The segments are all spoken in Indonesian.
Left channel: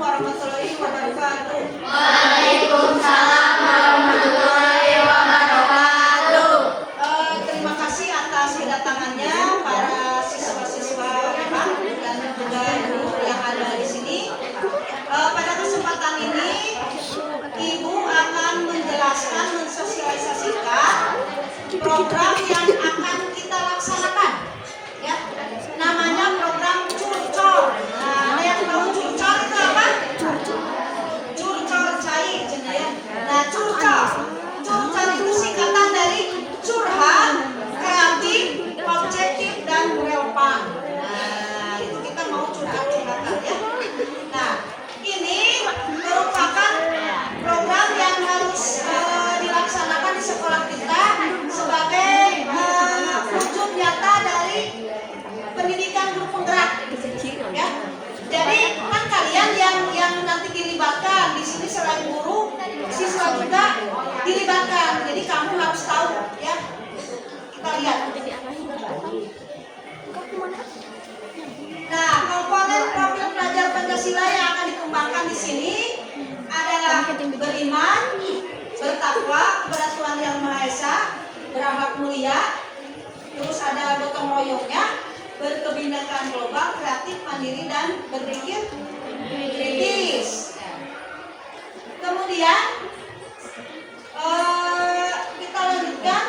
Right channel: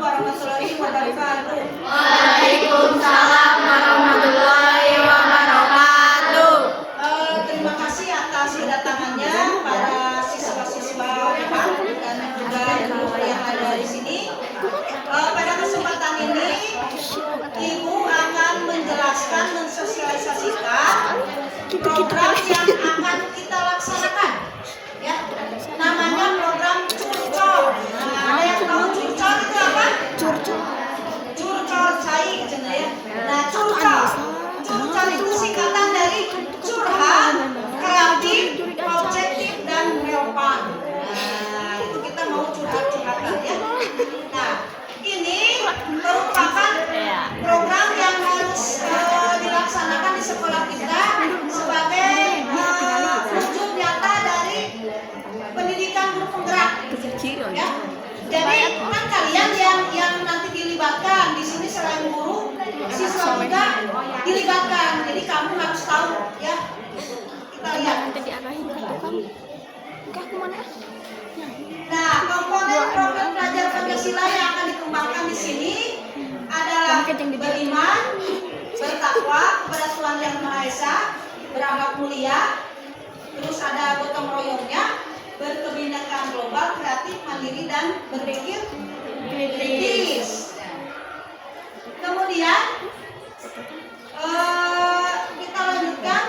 warahmatullahi wabarakatuh. Waalaikumsalam warahmatullahi wabarakatuh. Terima kasih atas kedatangannya para siswa-siswa dan juga guru yang ada di sini. Pada kesempatan ini, Ibu akan menjelaskan, mensosialisasikan program yang akan kita laksanakan. Ya, namanya program Curcol. Nah, ada yang tahu Curcol itu apa? Curcol cai, ya. Nah, Curcol itu singkatan dari curhat, kreatif, objektif, dan relevan. Nah, itu kita mau curhat-curhatan ya. Nah, ini merupakan program yang harus dilaksanakan di sekolah kita sebagai wujud nyata dari pendidikan guru penggerak. Ya. Jadi kan kalian yang nanti dilibatkan di sini selain guru, siswa juga dilibatkan. Jadi kamu harus tahu ya. Kita lihat. Nah, komponen profil pelajar Pancasila yang akan dikembangkan di sini adalah beriman, bertakwa kepada Tuhan Yang Maha Esa, berakhlak mulia, terus ada gotong royongnya, berkebinekaan global, kreatif, mandiri, dan berpikir kritis. Kemudian kita lanjutkan.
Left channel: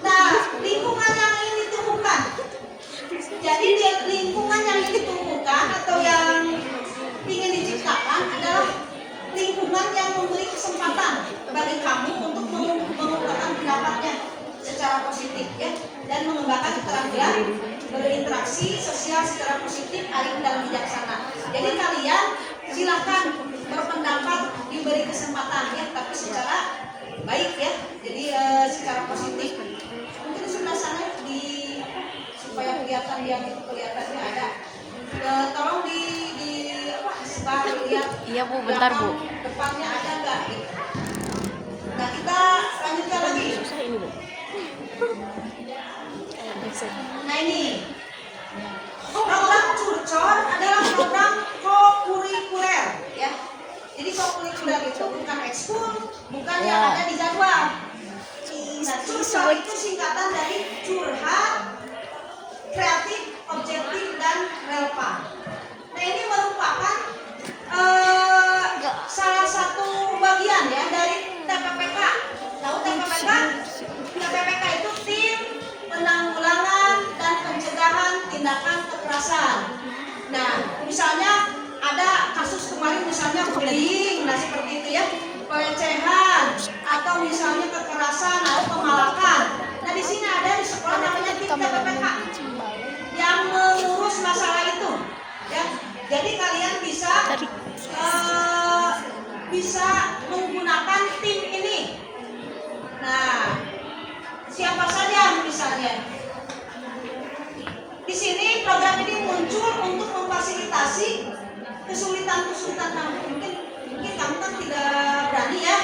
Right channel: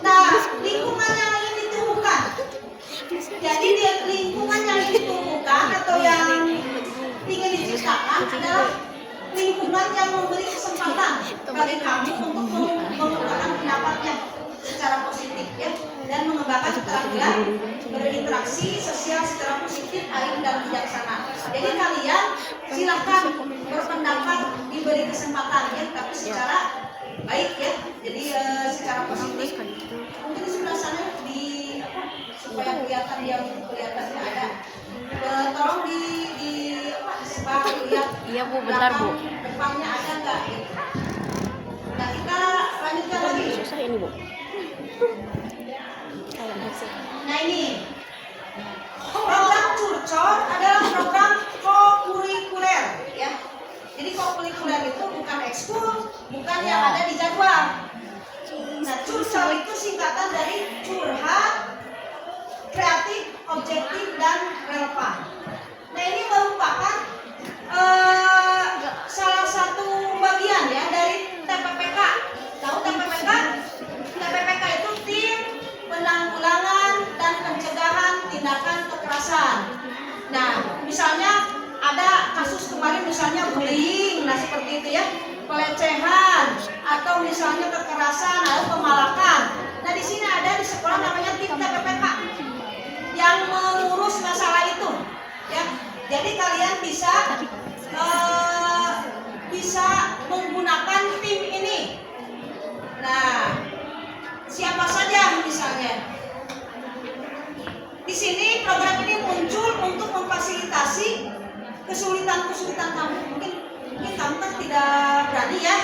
Nah, lingkungan yang ingin ditumbuhkan. Jadi lingkungan yang ingin ditumbuhkan atau yang ingin diciptakan adalah lingkungan yang memberi kesempatan bagi kamu untuk mengungkapkan pendapatnya secara positif ya, dan mengembangkan keterampilan berinteraksi sosial secara positif, arif dan bijaksana. Jadi kalian silakan berpendapat, diberi kesempatan ya, tapi secara baik ya. Jadi secara positif. Mungkin di sebelah sana supaya kelihatan diam itu kelihatannya ada. Tolong disebar lihat. Iya Bu, bentar Bu. Depannya ada nggak? Gitu. Nah kita lanjutkan lagi. Ini Bu. Nah ini program Curcol adalah program kokurikuler ya. Jadi kokurikuler itu bukan ekskul, bukan yang ada di jadwal. Nah Curcol itu singkatan dari curhat, kreatif, objektif, dan relevan. Nah ini merupakan salah satu bagian ya dari TPPK. Tahu TPPK? TPPK itu tim penanggulangan dan pencegahan tindakan kekerasan. Nah, misalnya ada kasus kemarin misalnya bullying, nah seperti itu ya, pelecehan atau misalnya kekerasan atau pemalakan. Nah di sini ada di sekolah namanya tim TPPK yang mengurus masalah itu. Ya, jadi kalian bisa menggunakan tim ini. Nah, siapa saja misalnya? Di sini program ini muncul untuk memfasilitasi kesulitan-kesulitan kamu. Mungkin kamu kan tidak berani ya.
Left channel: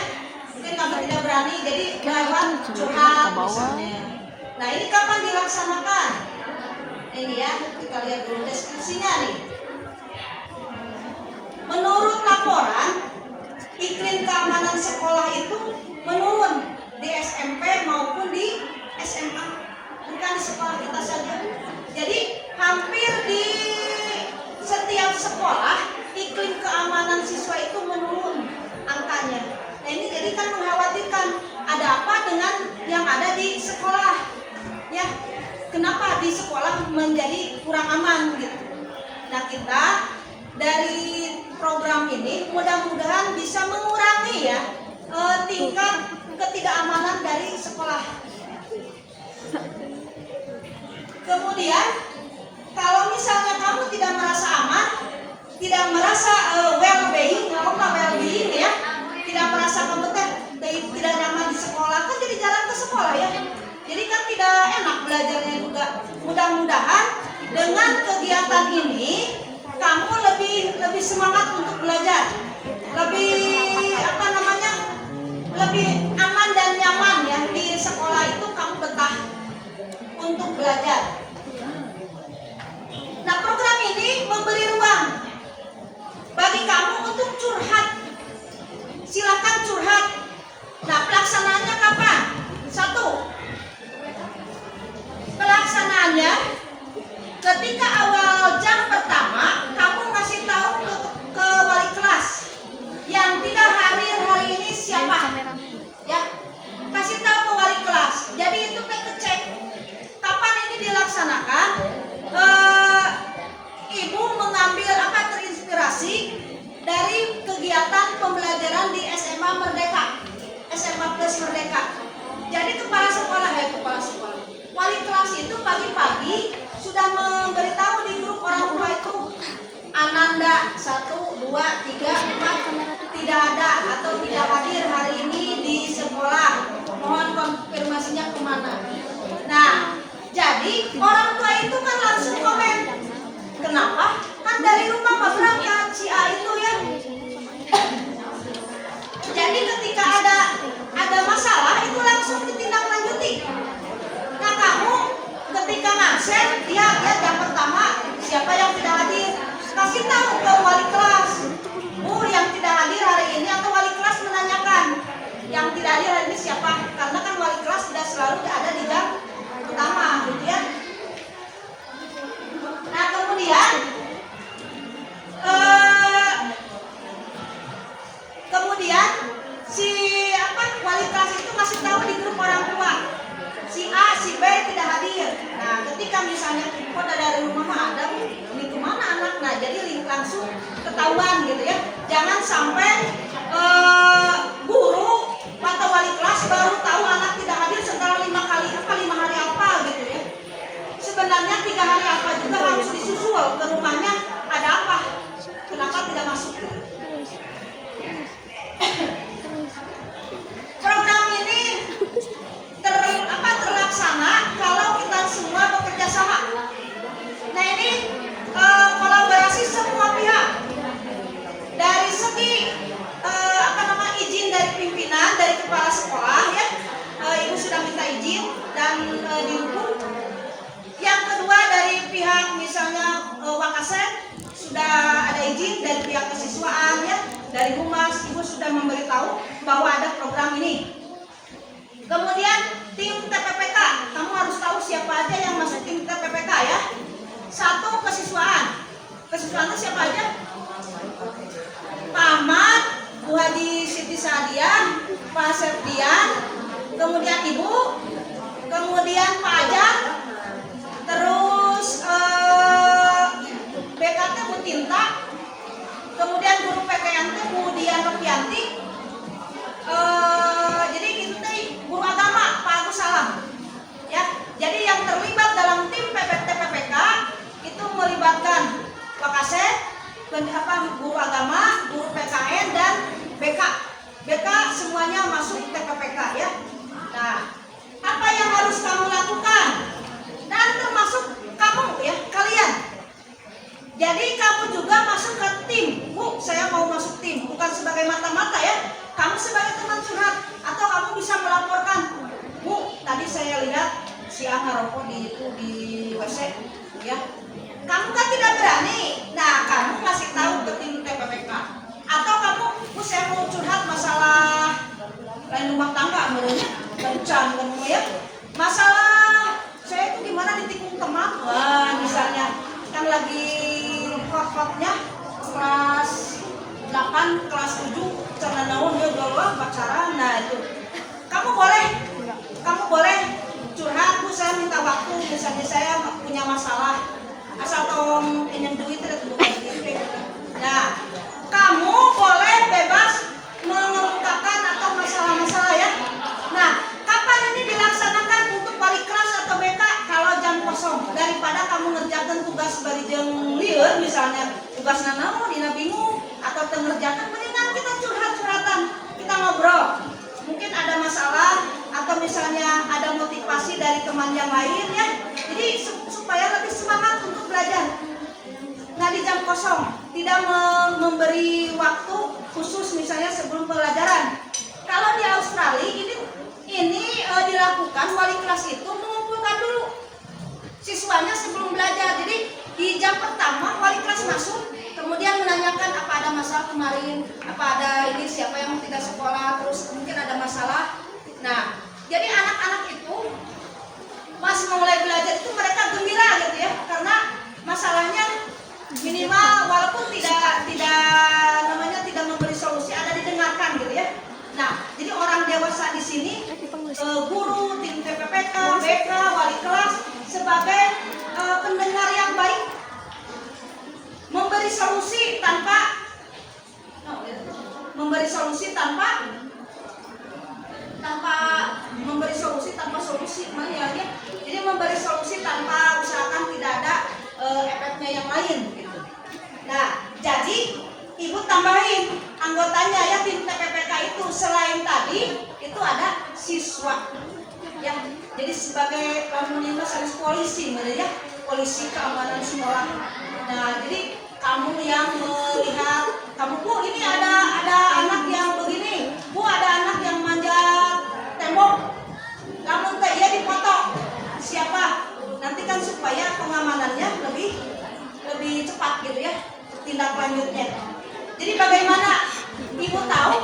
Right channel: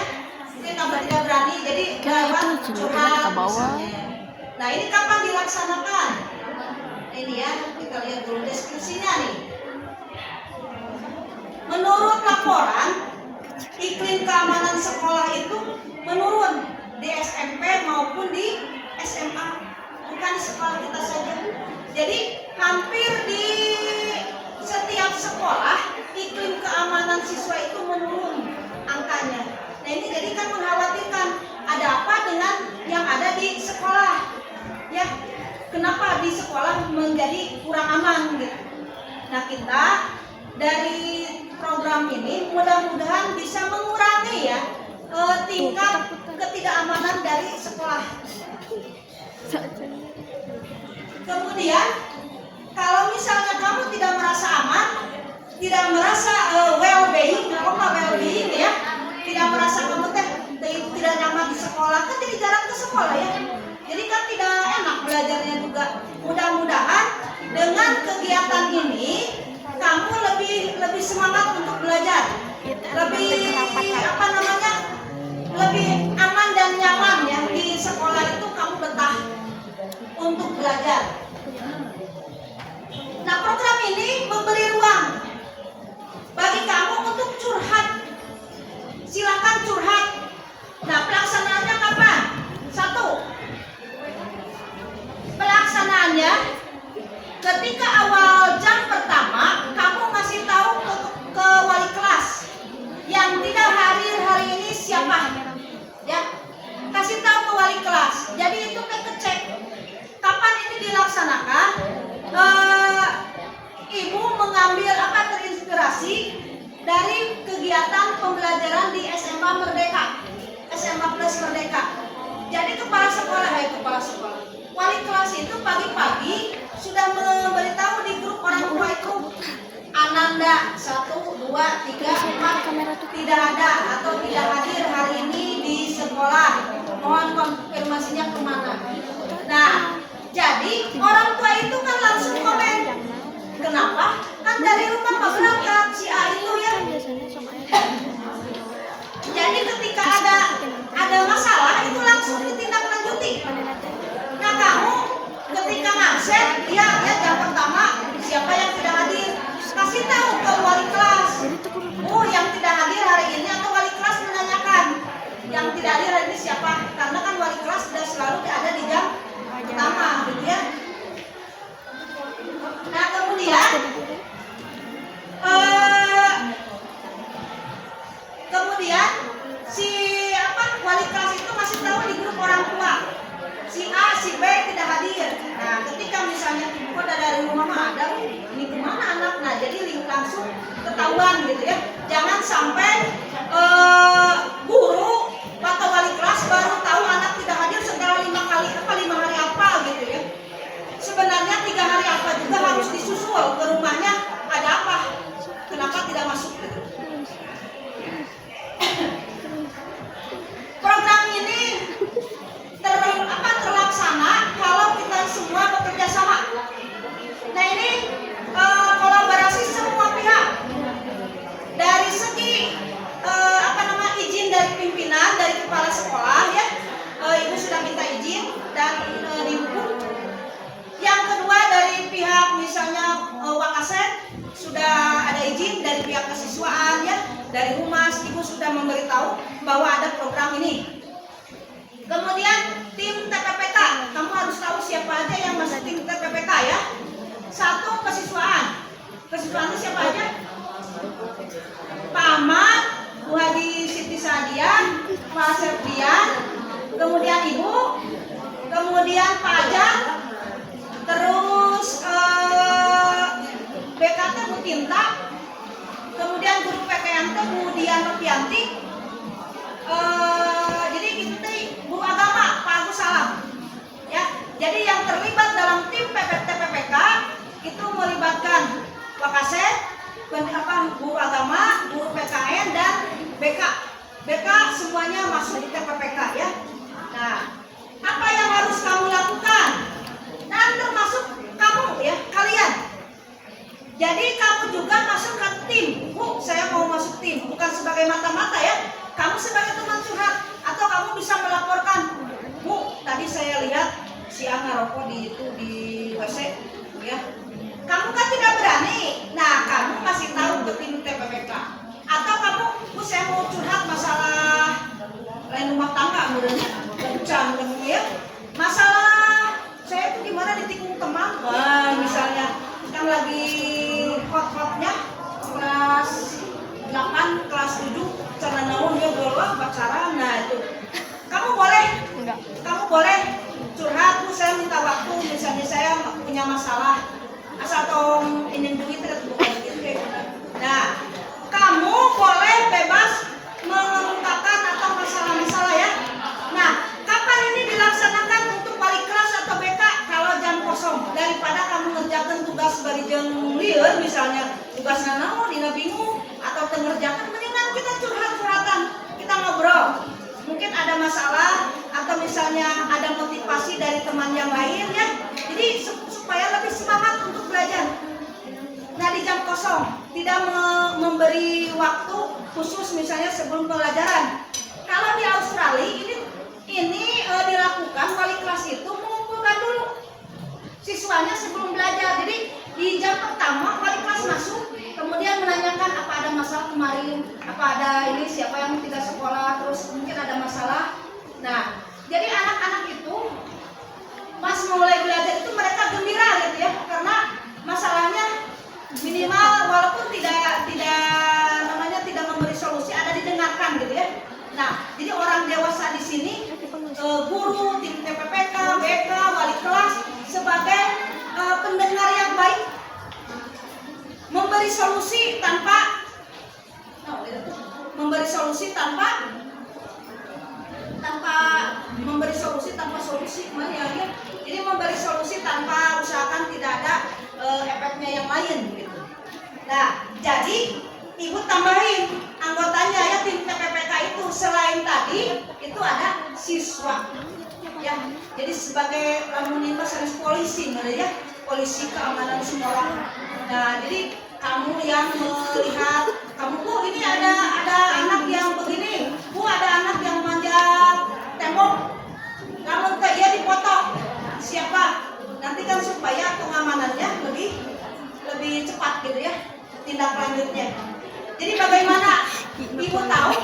Mungkin kamu tidak berani, jadi lewat curhat misalnya. Nah, ini kapan dilaksanakan? Ini ya, kita lihat dulu deskripsinya nih. Menurut laporan, iklim keamanan sekolah itu menurun di SMP maupun di SMA, bukan di sekolah kita saja. Jadi hampir di setiap sekolah iklim keamanan siswa itu menurun angkanya. Nah ini jadi kan mengkhawatirkan, ada apa dengan yang ada di sekolah ya, kenapa di sekolah menjadi kurang aman gitu. Nah kita dari program ini mudah-mudahan bisa mengurangi ya tingkat ketidakamanan dari sekolah. Kemudian kalau misalnya kamu tidak merasa aman, tidak merasa well-being, well-being ya, tidak merasa kamu tidak nyaman di sekolah, kan jadi jarang ke sekolah ya. Jadi kan tidak enak belajarnya juga. Mudah-mudahan dengan kegiatan ini kamu lebih semangat untuk belajar, lebih aman dan nyaman ya di sekolah itu, kamu betah untuk belajar. memberi ruang bagi kamu untuk curhat. Silakan curhat. Nah, pelaksanaannya kapan? Satu, pelaksanaannya ketika awal jam pertama kamu ngasih tahu ke wali kelas yang tidak hadir hari ini siapa, ya, kasih tahu ke wali kelas. Jadi itu kecek kapan ini dilaksanakan. Ibu mengambil terinspirasi dari kegiatan pembelajaran di SMA Merdeka, SMA Plus Merdeka. Jadi kepala sekolah, wali kelas itu pagi-pagi sudah memberitahu di grup orang tua itu, Ananda 1, 2, 3, 4 tidak ada atau tidak hadir hari ini di sekolah. Mohon konfirmasinya kemana. Nah, jadi orang tua itu kan langsung komen. Kenapa? Kan dari rumah mau berangkat si A itu ya. Jadi ketika ada masalah itu langsung ditindaklanjuti. Nah, kamu ketika ngabsen, ya jam pertama siapa yang tidak hadir, kasih tahu ke wali kelas. Oh, yang tidak hadir hari ini, atau wali kelas menanyakan yang tidak hadir hari ini siapa, karena kan wali kelas tidak selalu ada di jam pertama, gitu ya. Nah, kemudian si wali kelas itu masih tahu di grup orang tua si A, si B tidak hadir. Nah, ketika misalnya kok dari rumah mah ada, ini kemana anaknya, jadi langsung ketahuan gitu ya. Jangan sampai guru atau wali kelas baru tahu anak tidak hadir setelah 5 hari apa gitu ya. Sebenarnya 3 hari apa juga harus disusul ke rumahnya, ada apa, kenapa tidak masuk gitu. Program ini terlaksana kalau kita semua bekerja sama. Nah, ini kolaborasi semua pihak. Dari segi izin dari pimpinan, dari kepala sekolah ya, ibu sudah minta izin dan dihukum. Yang kedua dari pihak misalnya Wakasen sudah ada izin, dari pihak kesiswaan ya, dari humas ibu sudah memberitahu bahwa ada program ini. Kemudian tim TPPK, kamu harus tahu siapa aja yang masuk tim TPPK ya. 1, kesiswaan itu siapa aja? Pak Ahmad, Bu Hadi Siti Sadia, Pak Septian, kemudian Ibu, kemudian Pak Ajar, terus BKT Bu Tinta, kemudian guru PKN Bu Dian Ropianti, jadi itu tadi guru agama Pak Agus Salam ya. Jadi yang terlibat dalam tim TPPK itu melibatkan Wakaset, guru agama, guru PKN dan BK. BK semuanya masuk TPPK ya. Nah, apa yang harus kamu lakukan? Dan termasuk kamu ya, kalian. Jadi kamu juga masuk ke tim. Bu, saya mau masuk tim, bukan sebagai mata-mata ya. Kamu sebagai teman curhat, atau kamu bisa melaporkan, Bu, tadi saya lihat si A ngerokok di WC ya. Kamu kan tidak berani. Nah, kamu masih tahu ke tim TPPK. Atau kamu, Bu, saya mau curhat masalah rumah tangga, kencan kamu ya. Masalah saya itu gimana ditikung teman, wah misalnya kan lagi hot-hotnya kelas 8, kelas 7 cara naon ya galau pacaran. Nah, itu kamu boleh curhat. Bu, saya minta waktu, misalnya saya punya masalah asal tolong ingin duit bukan gitu. Nah, kamu boleh bebas mengungkapkan atau masalah-masalah ya. Nah, kapan ini dilaksanakan untuk wali kelas atau BK? Kalau jam kosong, daripada kamu ngerjakan tugas bari jeung lieur, misalnya tugas nanaon dina bingung atau tengerjakan, mendingan kita curhat-curhatan, kita ngobrol. Mungkin ada masalah atau misalnya ada motivasi dari teman yang lain ya. Jadi supaya lebih semangat untuk belajar. Nah, di jam kosong tidak memberi waktu khusus misalnya sebelum pelajaran. Kalau di Australia ini dilakukan, wali kelas itu mengumpulkan dulu siswanya sebelum belajar. Jadi di jam pertama wali kelas masuk kemarin apa ada ini siapa yang tidak sekolah terus mungkin ada masalah. Nah, jadi anak-anak itu pas mulai belajar itu mereka gembira gitu ya, karena masalahnya minimal walaupun tidak namanya tidak memberi solusi, ada didengarkan gitu ya. Nah, jadi orang dewasa di sini, guru, tim TPPK, BK, wali kelas sebagai pendengar yang baik, memberi solusi tanpa solusi, mana ya? Jadi memberi solusi tanpa usahakan tidak ada efeknya yang lain gitu. Nah, jadi ibu tambahin anggotanya ya, tim TPPK itu selain tadi itu ada siswa ya. Jadi sebagai lamun sanes polisi mana ya, polisi keamanan sekolah. Nah, jadi kamu yang melihat, kamu Bu ini ada anak yang begini, Bu ada anak yang manjat tembok, namun dia dipoto, siapa? Nanti kan supaya pengamanannya lebih cepat gitu ya tindak lanjutnya. Jadi bagaimana ibu tahu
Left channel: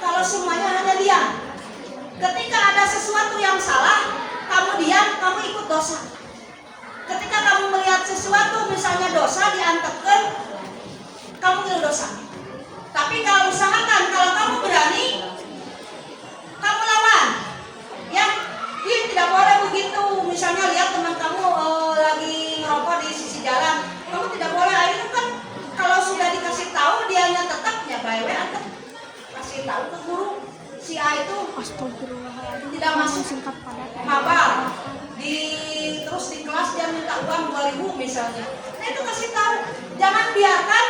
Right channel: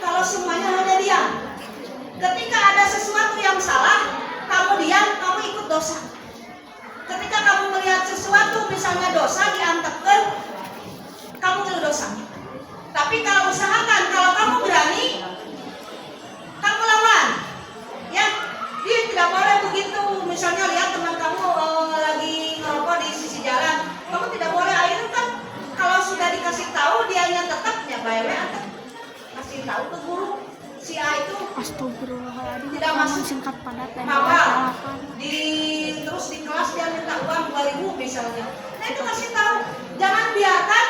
kalau semuanya hanya diam? Ketika ada sesuatu yang salah, kamu diam, kamu ikut dosa. Ketika kamu melihat sesuatu misalnya dosa diantekkan, kamu itu dosa. Tapi kalau usahakan, kalau kamu berani, kamu lawan. Ya, dia tidak boleh begitu. Misalnya lihat teman kamu lagi ngerokok di sisi jalan, kamu tidak boleh. Akhirnya kan kalau sudah dikasih tahu dianya tetapnya bae atau kasih tahu ke guru si A itu tidak masuk maba terus di kelas dia minta uang 2.000 misalnya. Nah itu kasih tahu, jangan biarkan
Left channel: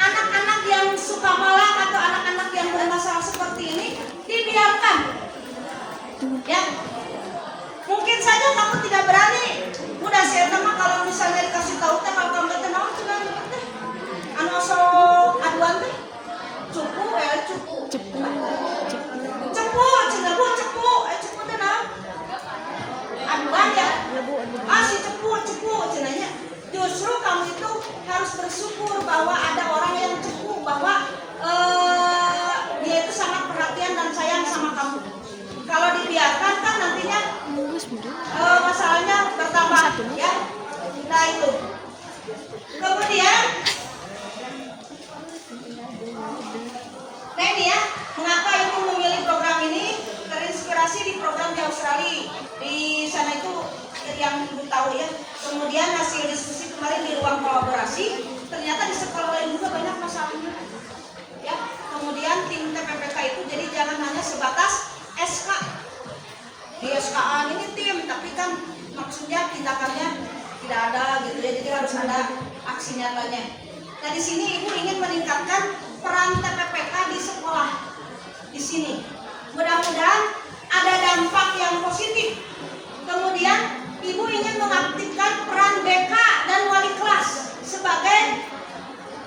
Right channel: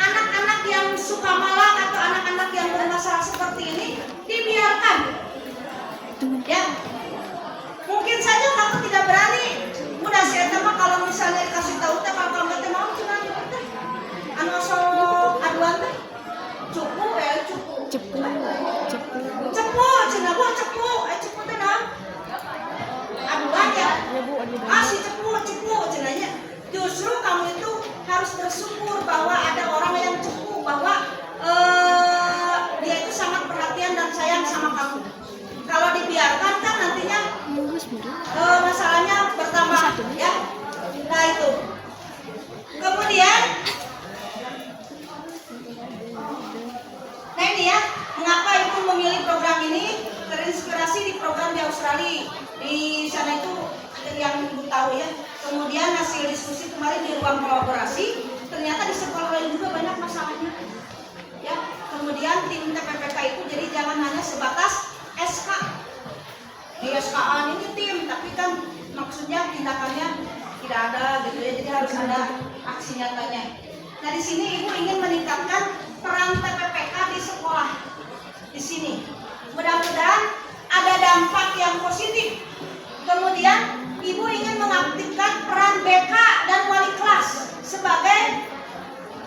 anak-anak yang suka malak atau anak-anak yang bermasalah seperti ini dibiarkan. Ya, mungkin saja kamu tidak berani. Mudah saya mah kalau misalnya dikasih tahu teh kalau kamu teh naon cenah teh. Anu sok aduan teh. Cepu cenah Bu, cepu teh naon? Aduan ya. Ah si cepu cenahnya. Justru kamu itu harus bersyukur bahwa ada orang yang cepu, bahwa dia itu sangat perhatian dan sayang sama kamu. Kalau dibiarkan kan nantinya masalahnya bertambah ya. Nah itu. Kemudian nah ini ya, mengapa ibu memilih program ini? Terinspirasi di program di Australia. Di sana itu yang ibu tahu ya. Kemudian hasil diskusi kemarin di ruang kolaborasi, ternyata di sekolah lain juga banyak masalahnya. Ya, kemudian tim TPPK itu jadi jangan hanya sebatas SK. Di SK-an ini tim, tapi kan maksudnya tindakannya tidak ada gitu ya. Jadi harus ada aksi nyatanya. Nah di sini ibu ingin meningkatkan peran TPPK di sekolah. Di sini, mudah-mudahan ada dampak yang positif. Kemudian ibu ingin mengaktifkan peran BK dan wali kelas sebagai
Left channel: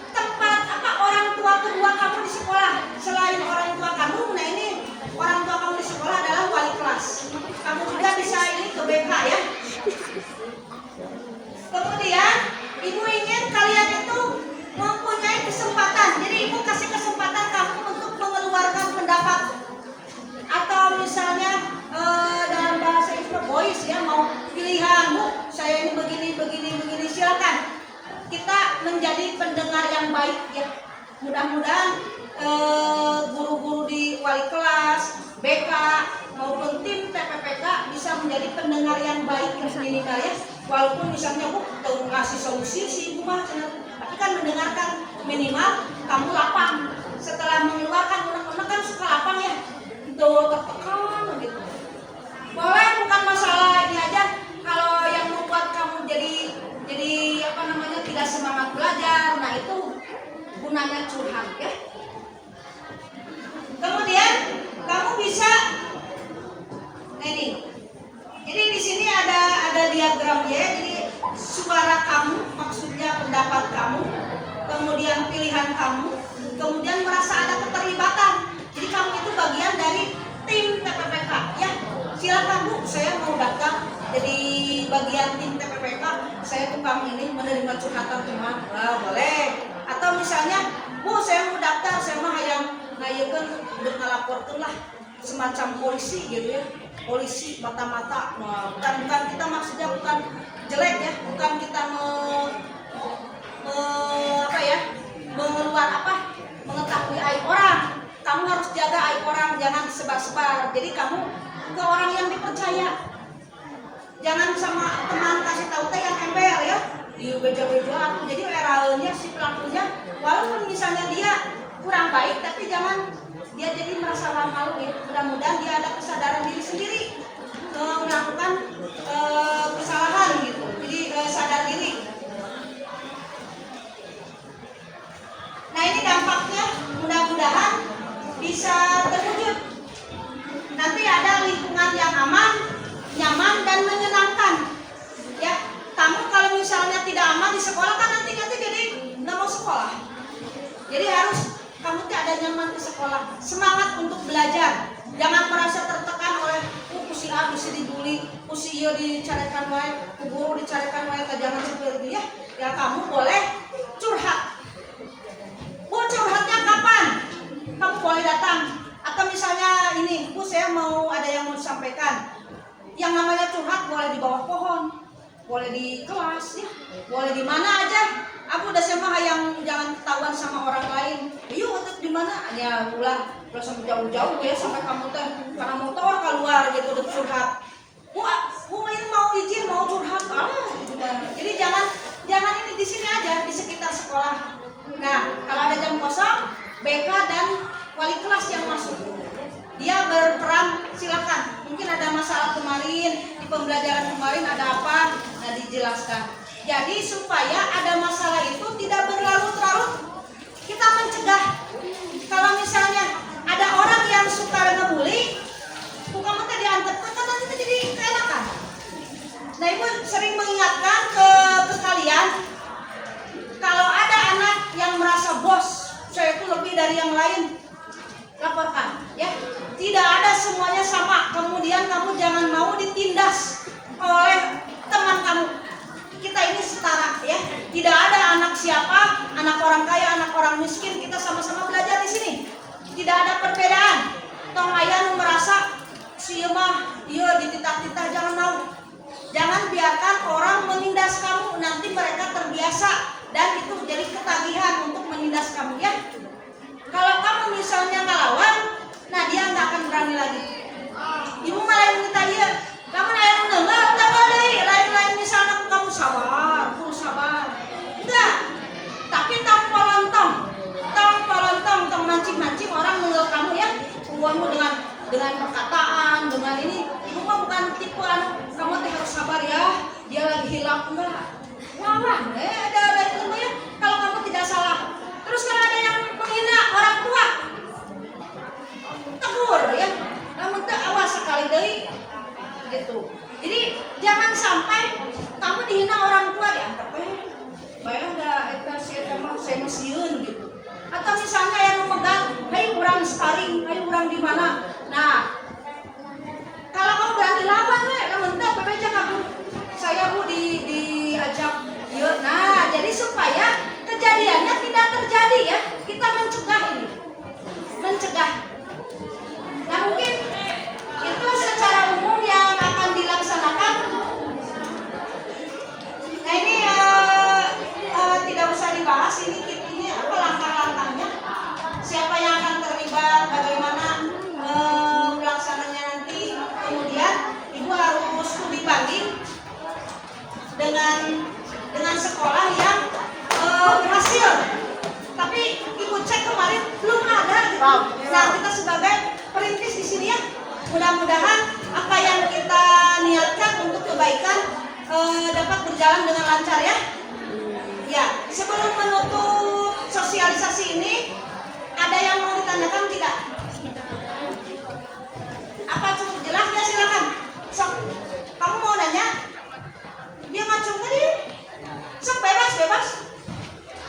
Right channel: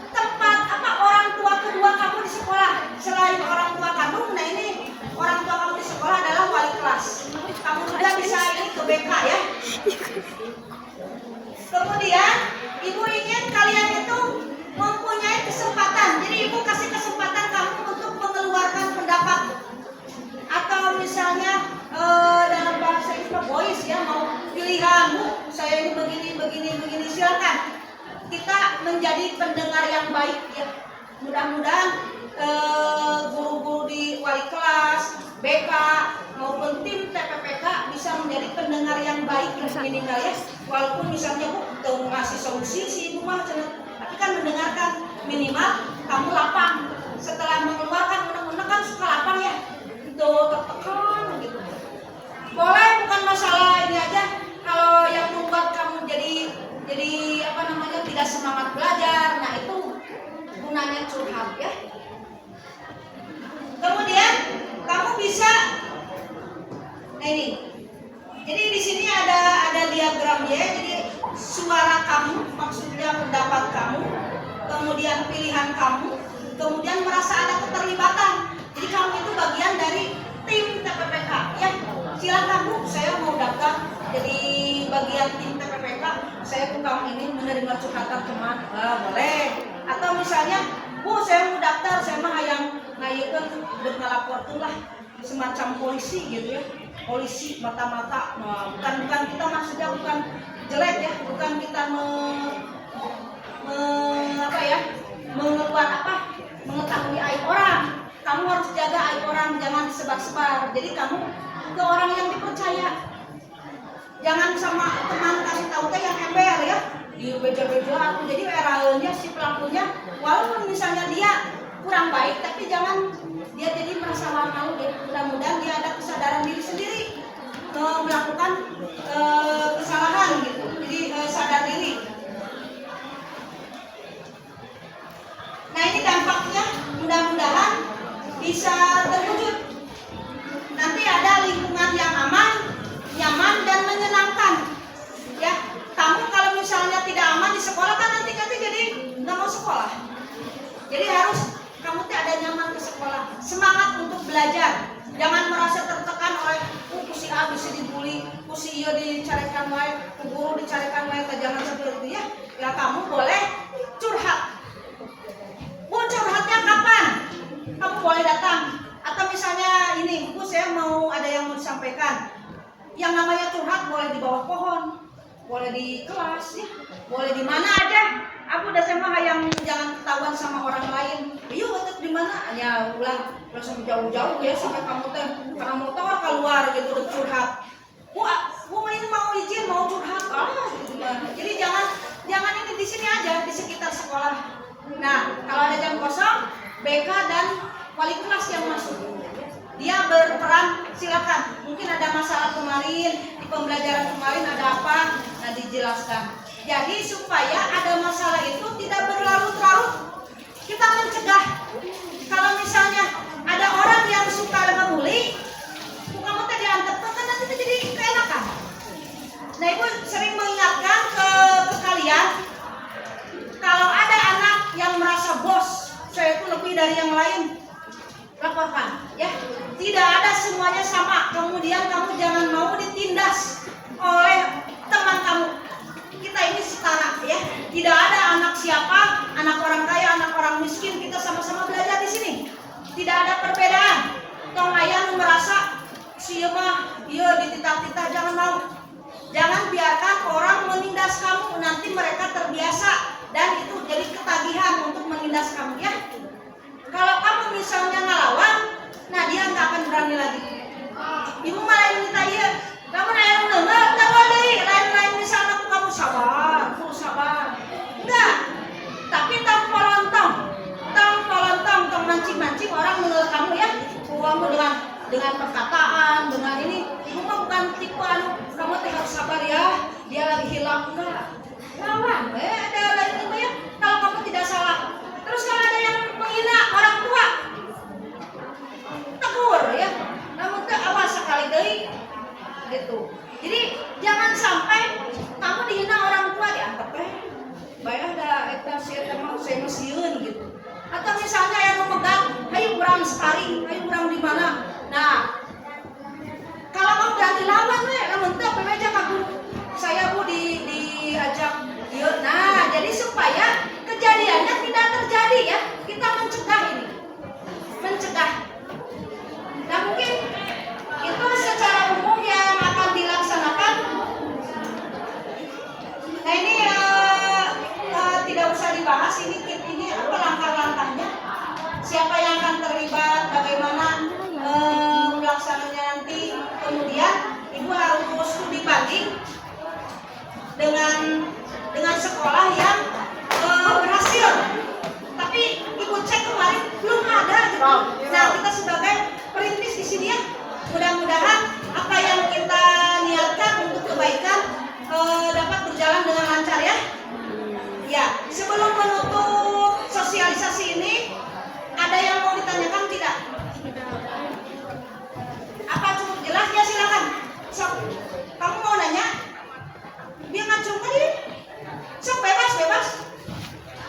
tempat orang tua kedua kamu di sekolah. Selain orang tua kamu, nah ini orang tua kamu di sekolah adalah wali kelas. Kamu juga bisa ini ke BK ya. Kemudian ibu ingin kalian itu mempunyai kesempatan. Jadi ibu kasih kesempatan kamu untuk mengeluarkan pendapat. Atau misalnya dalam bahasa Ibu voice ya, mau pilihan Bu, saya ini begini, silakan. Kita menjadi pendengar yang baik ya. Mudah-mudahan guru-guru di wali kelas, BK maupun tim TPPK bisa menjadi pendengar yang baik minimal ya. Walaupun misalnya Bu tuh ngasih solusi si Ibu mah, tapi kan mendengarkan, minimal kamu lapang. Setelah mengeluarkan undang-undang kan suka lapang ya. Tuh tertekan gitu. Boleh bukan masalah ini aja. Kalau yang membuat kamu jadi tidak semangat belajar, nah itu gunanya curhat ya. Kemudian kamu bisa ini. Jadi di sini ada diagram ya. Jadi suara kamu, maksudnya pendapat kamu, kemudian pilihan kamu, kemudian merasa ada keterlibatan. Jadi kamu itu bagian dari tim TPPK ya. Silakan Bu, saya mau daftar jadi bagian tim TPPK. Saya tukang ini menerima curhatan teman. Boleh. Atau atau misalnya, Bu, saya mau daftar, saya mah yang ngayekeun udah ngalaporkeun lah semacam polisi gitu ya. Polisi mata-mata. Nah, bukan kita maksudnya bukan jelek ya, bukan kita mengetahui aib orang. Kamu harus jaga aib orang, jangan disebar-sebar. Jadi kamu ke orang yang dipercaya. Jangan sama teman kasih tahu teh yang ember ya, di beja-beja. Jadi eraeunya si pelakunya, walaupun misalnya dia kurang baik, tapi jangan dia jadi merasa malu ya. Mudah-mudahan dia ada kesadaran diri sendiri melakukan kesalahan gitu. Jadi sadar diri. Nah ini dampaknya mudah-mudahan bisa terwujud. Nanti ada lingkungan yang aman, nyaman dan menyenangkan. Ya, kamu kalau misalnya tidak aman di sekolah kan nanti jadi nggak mau sekolah. Jadi harus kamu ada nyaman di sekolah, semangat untuk belajar. Jangan merasa tertekan oleh si A bisa dibully, si iya dicarikan wae, guru dicarikan wae, jangan seperti itu ya. Ya kamu boleh curhat. Bu, curhatnya kapan? Kamu boleh datang. Atau misalnya ini, Bu, saya mau ada yang mau disampaikan. Yang namanya curhat boleh di bawah pohon, boleh di kelas ya, boleh di mana aja. Aku udah sama yang jangan ketahuan sama orang lain. Yuk, tetap di mana? Ya pulang sampai jauh-jauh ya sampai kamu karena mau tahu keluar gitu udah curhat. Bu ini mau izin mau curhat. Jadi jangan ini di sini aja di sekitar sekolah. Nah, kalau ada jam kosong, BK dan wali kelas yang masuk. Dia berperan, silakan. Mungkin ada masalah kemarin, di pembelajaran kemarin ada apa, nah dijelaskan. Jadi supaya ada masalah itu tidak berlarut-larut, kita mencegah. Kalau misalnya ada orang yang suka ngebully, kamu tadi antep kan nanti jadi keenakan. Nah, Ibu sering mengingatkan ke kalian, kalau ada anak yang merasa bos, saya itu lebih dari yang lain, laporkan ya. Tidak ada semuanya sama. Kemudian kamu jangan mau ditindas oleh teman kamu. Kita ini setara ya. Tidak ada anak siapa, anak orang kaya, anak orang miskin, kita sama-sama belajar di sini. Tidak ada perbedaan. Tong aya nu merasa si mah ieu dititah-titah, jangan mau. Jangan biarkan orang menindas kamu, nanti mereka terbiasa dan itu jadi ketagihan untuk menindas kamu ya. Kalau kamu misalnya ngelawan, nah dia nggak akan berani lagi. Ibu malah minta iya, kamu nanya dengar, lain-lain misalnya kamu sabar, full sabar. Enggak, tapi tanpa lontong, mancing orang menurut kamu ya. Kamu dengan perkataan, dengan ini, ibu mah bukan tipe kamu harus sabar ya. Dia lagi hilang enggak? Lawan, ada itu ya. Kalau kamu tidak salah. Terus kalau ada yang menghina orang tua, tegur ya. Namun awas sekali deui gitu. Jadi jangan sampai kamu dihina orang tua dianggap baiklah da eta saya masieun gitu. Atau misalnya yang memegang, hayu urang sparring, hayu urang di mana. Nah, kalau kamu berani lawan lamun teh bebeja ka guru. Saya Bu diajak yuk. Nah, jadi supaya kejadiannya tidak terjadi ya. Kita mencegah ini. Mencegah. Nah, mungkin itu secara umum yang akan dilaksanakan. Nah, ini tidak usah dibahas ini apa langkah-langkahnya. Siapa yang akan terlibat, bagaimana melaksananya nanti. Kemudian Ibu harus studi banding dengan sekolah yang berhasil. Tapi Ibu cek kemarin belum ada gitu. Nah, kita sebagai perintis di sini ya, mudah-mudahan apa yang kita niatkan untuk kebaikan dapat berjalan dengan lancar ya. Ya, sebelum menutup sosialisasi ini, ada yang mau ditanyakan tidak? Apa cukup jelas ya, silakan. So, kamu mau nanya? Dia ngacung tadi. Sok bebas.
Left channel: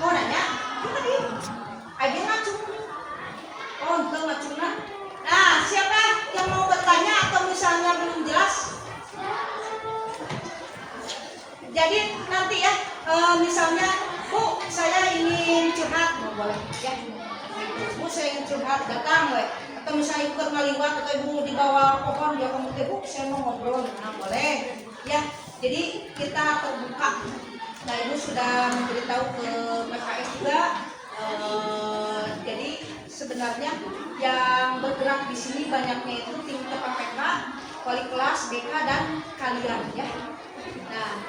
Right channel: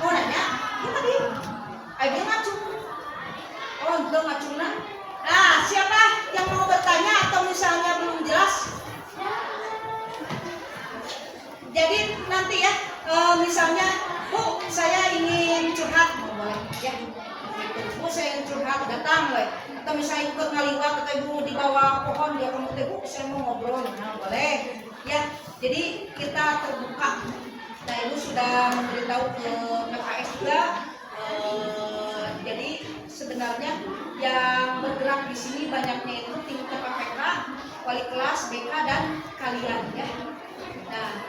Mau nanya? Tadi. Dia ngacung. Oh, enggak ngacungnya. Nah, siapa yang mau bertanya atau misalnya belum jelas? Jadi nanti ya, misalnya Bu, saya ingin curhat, mau boleh ya? Bu, saya ingin curhat, datang we. Atau misalnya ikut ngaliwat atau ibu di bawah pohon dia kamu teh, Bu, saya mau ngobrol, nah boleh ya. Jadi kita terbuka. Nah, ibu sudah memberitahu ke PKS juga. Jadi sebenarnya yang bergerak di sini banyaknya itu tim PPK, wali kelas, BK dan kalian ya. Nah,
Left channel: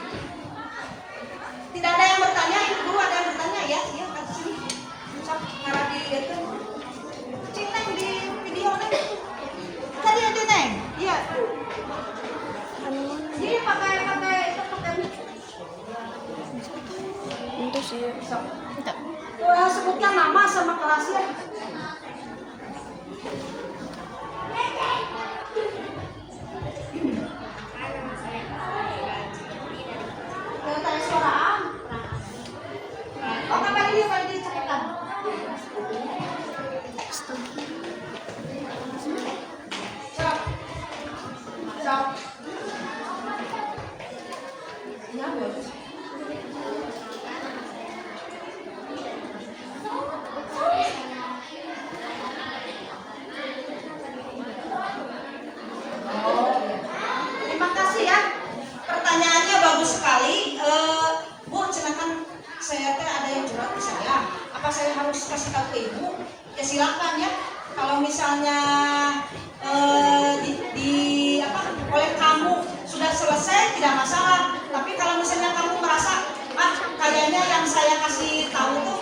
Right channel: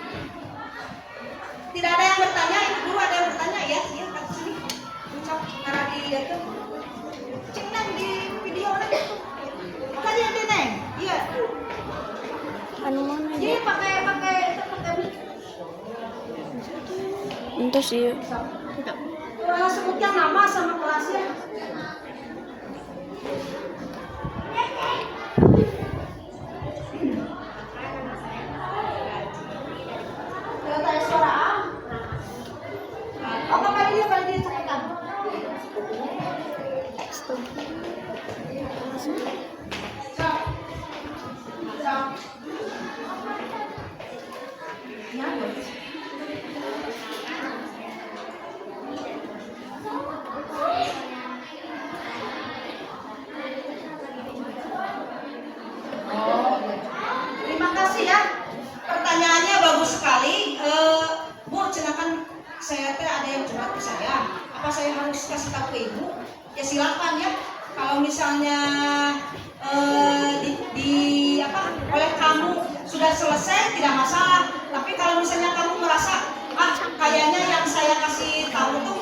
tidak ada yang bertanya, ini guru ada yang bertanya ya? Iya, ke sini. Sok ngarah dilihatkan. Cing Neng di video nih. Tadi ada Neng. Iya. Ini pakai Untuk sih. wah, sebutkan nama sama kelasnya. Tanya suara A. Oh, kali ini cepetan. Sok. Ya, bagus. Terima kasih ya. Pertanyaannya bagus sekali. Bu, silakan, saya teh ada yang curhat ke saya. Apa saya harus kasih tahu ke ibu? Ya silakan ya. Kalau misalnya oleh kamu sudah selesai tidak masalah. Tapi kalau misalnya kamu merasa kayaknya yang saya kasih tahu tuh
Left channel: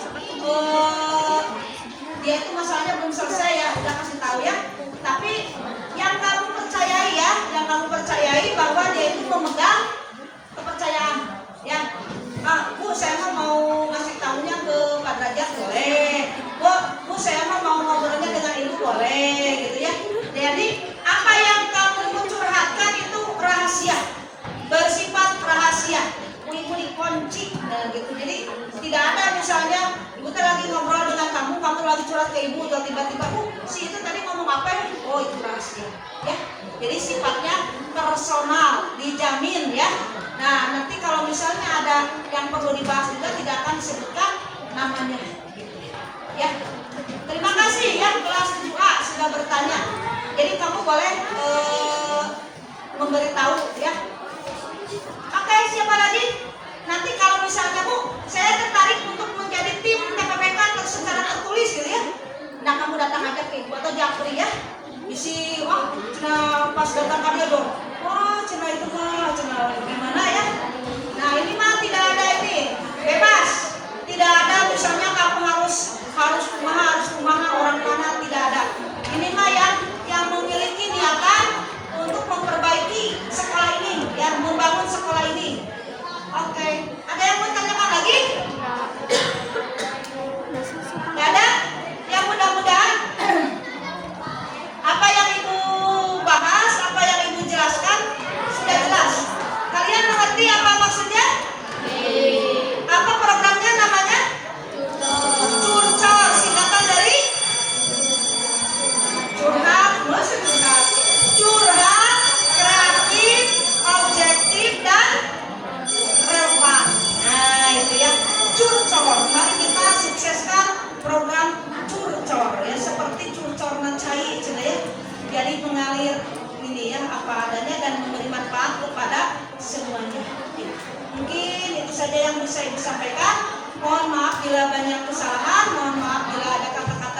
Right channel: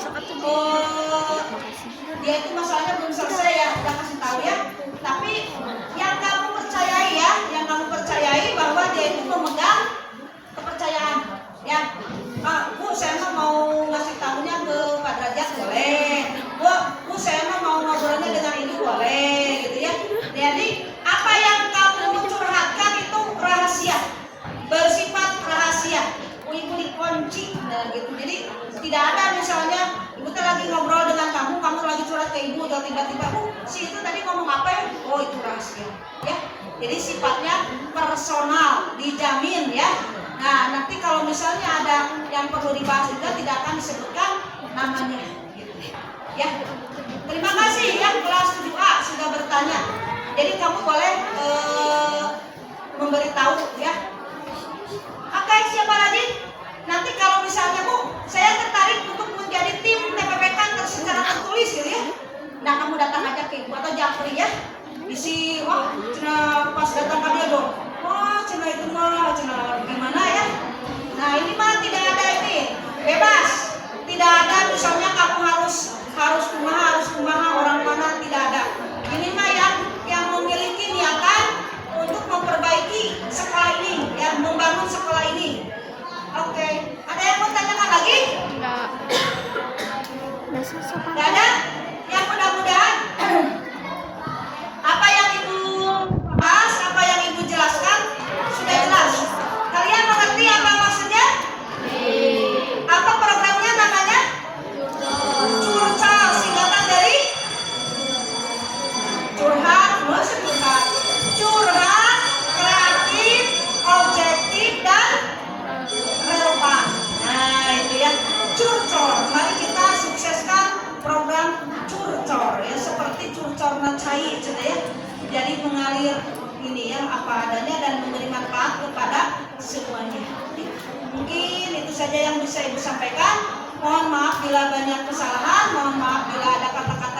dia itu masalahnya belum selesai ya, udah kasih tahu ya. Tapi yang kamu percayai ya, yang kamu percayai bahwa dia itu memegang kepercayaan ya. Bu, saya mau ngasih tahunya ke Pak Derajat boleh. Bu, saya mau ngobrolnya dengan ibu boleh gitu ya. Jadi apa yang kamu curhatkan itu rahasia, bersifat rahasia, punya kunci gitu. Jadi tidak ada misalnya ibu lagi ngobrol dengan kamu lagi curhat ke ibu atau tiba-tiba si itu tadi ngomong apa ya? Oh, itu rahasia ya. Jadi sifatnya personal, dijamin ya. Nah, nanti kalau misalnya ada yang perlu dibahas juga tidak akan disebutkan namanya gitu ya. Terima kasih ya kelas 7A sudah bertanya. Jadi kamu boleh memberitahu ya. Oke, siapa lagi? Nanti kalau misalnya Bu, saya tertarik untuk menjadi tim TPPK secara tertulis gitu ya. Nah, kamu datang aja ke ibu atau Japri ya. Isi, cina pas datang ke dia dong. Cina itu mah, cina gimana ya? Nah, ini mah tidak ada ini, bebas. Tidak ada misalnya kamu harus kumaha orang mana, tidak ada. Ini mah yang memiliki niatan untuk memperbaiki sekolah ini, yang membangun sekolah ini. Oke, ada yang mau tanyakan lagi? Nggak ada? Yang mudah-mudahan apa yang ibu bahas, apa yang ibu jelaskan sudah jelas. Kalian mengerti apa maksudnya? Apa programnya namanya? Curcol, singkatan dari curhat, curhat, kreatif, objektif dan relevan. Nah, itu ya, curcol. Mari kita sukseskan program curcol ya, seperti curcol cai ya. Jadi mengalir ini ya apa adanya dan memberi manfaat kepada semuanya. Mungkin itu saja yang bisa ibu sampaikan. Mohon maaf bila banyak kesalahan, mohon maaf bila ada kata-kata